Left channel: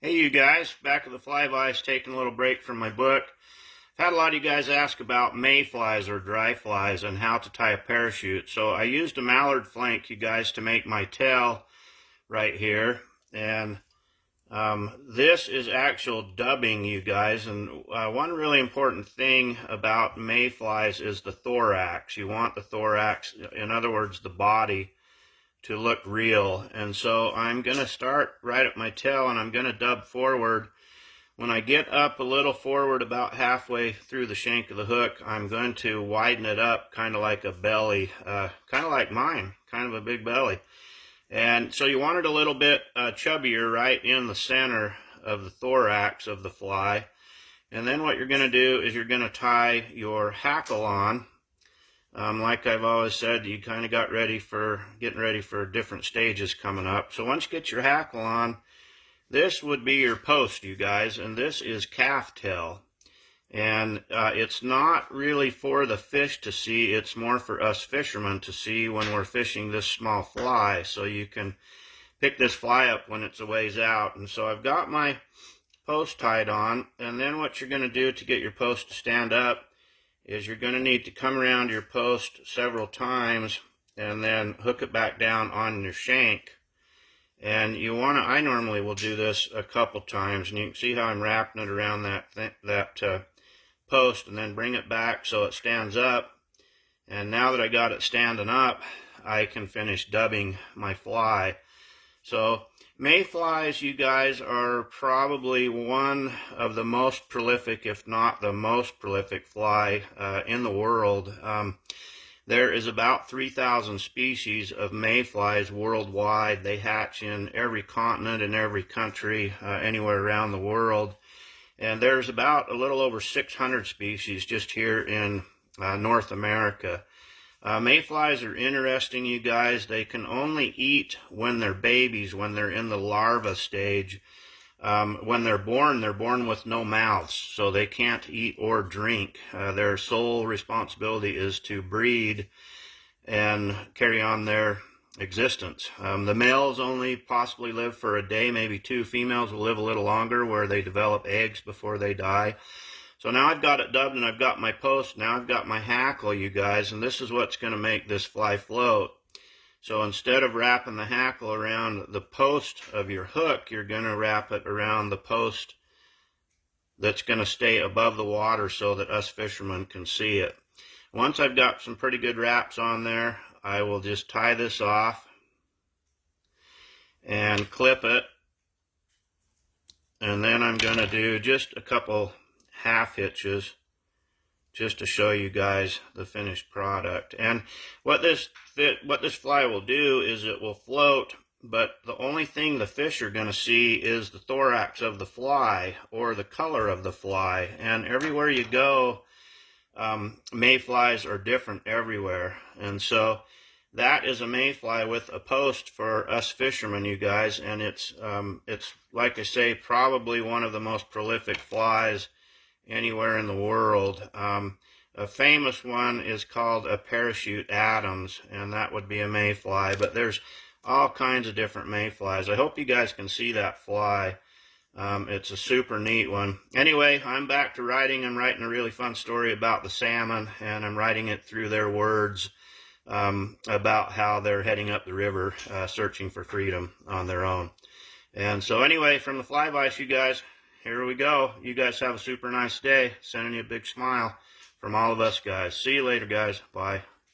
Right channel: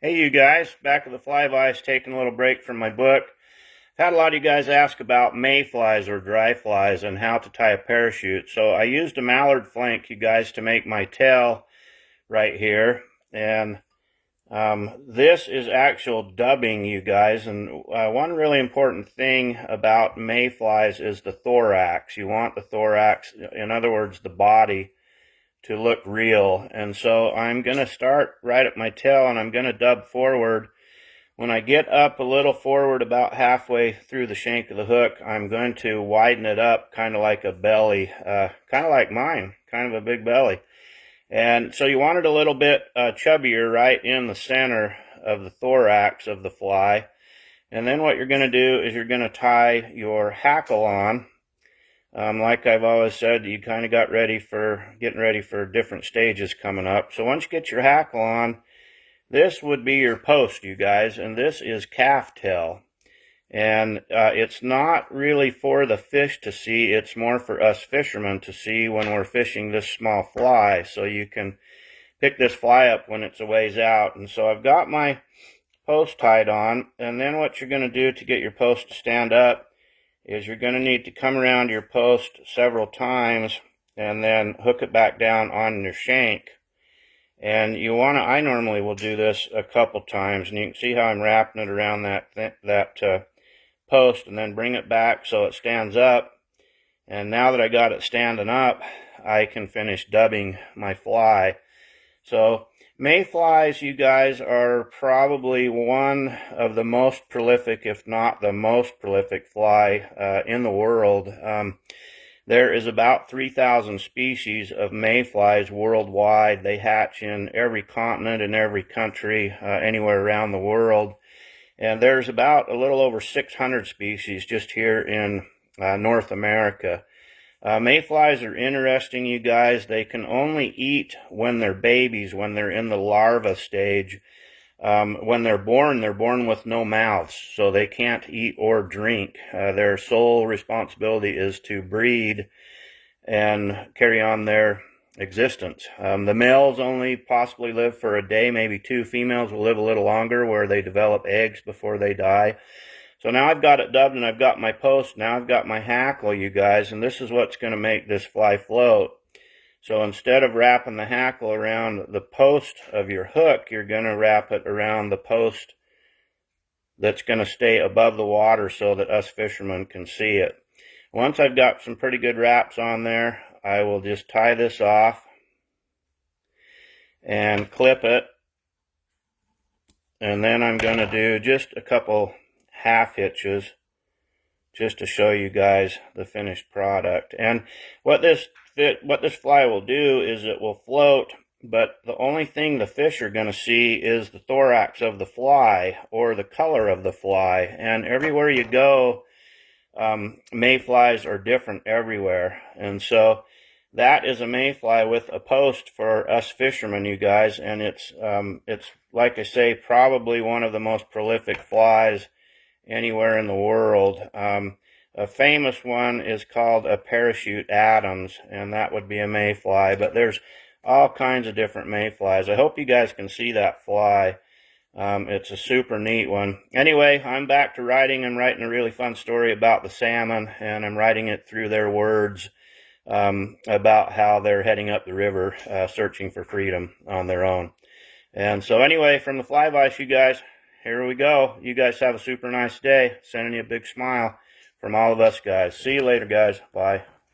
Hey you guys, back at the Fly Vice, taking a little break from my book. I've had a lot of you guys ask about mayflies or dry flies and how to tie a parachute. So I used a mallard flank, you guys, to make my tail right here. And this is actual dubbing, you guys. And one really important thing about mayflies is the thorax. You want the thorax, in other words, the body, to look real. And so I'm going to start right at my tail and I'm going to dub forward. When I get up a little forward, about halfway through the shank of the hook, I'm going to widen it up kind of like a belly, kind of like mine, kind of a big belly. And so you want it a little bit chubbier right in the center of the thorax of the fly. And then what you're going to do is you're going to tie your hackle on. Like I've always said, you kind of getting ready for different stages coming up. So once you get your hackle on, this would be your post, you guys, and this is calf tail. And it's not really for the fish to see, it's more for us fishermen to see when we're fishing this small fly, so you can pick this fly up when it's a ways out. And so I've got my post tied on, and then what you're going to do to get your post to stand up is you're going to need to come around your post several times and then hook it back down on your shank. And you want to, I normally will do this a couple times, and you can see how I'm wrapping it around that post, and then bring it back so it stands up. And now that I got it standing up, I can finish dubbing my fly. So mayflies, you guys, are probably one of the most prolific, if not the most prolific fly in the world. There is about 3,000 species of mayflies worldwide. They hatch in every continent and every country, anywhere around the world. And there's about a little over 600 species just here in North America. Mayflies are interesting, you guys. They can only eat when they're babies, when they're in the larva stage. When they're born with no mouths, so they can't eat or drink. Their sole responsibility is to breed and carry on their existence. The males only possibly live for a day, maybe two. Females will live a little longer, where they develop eggs before they die. So now I've got it dubbed and I've got my post. Now I've got my hackle, you guys, and this is what's going to make this fly float. So instead of wrapping the hackle around the post of your hook, you're going to wrap it around the post that's going to stay above the water so that us fishermen can see it. Once I've got some pretty good wraps on there, I will just tie this off and clip it. And then I'm going to do just a couple half hitches just to show you guys the finished product. And what this fly will do is it will float, but the only thing the fish are going to see is the thorax of the fly or the color of the fly. And everywhere you go, mayflies are different everywhere. And so that is a mayfly with a post for us fishermen, you guys. And it's like I say, probably one of the most prolific flies anywhere in the world. A famous one is called a parachute Adams, and that would be a mayfly, but there's all kinds of different mayflies. I hope you guys can see that fly. It's a super neat one. Anyway, I'm back to writing. I'm writing a really fun story about the salmon, and I'm writing it through their words about how they're heading up the river searching for freedom on their own. And so anyway, from the Fly Vice, you guys, here we go. You guys have a super nice day. Sending you a big smile from all of us guys. See you later, guys. Bye.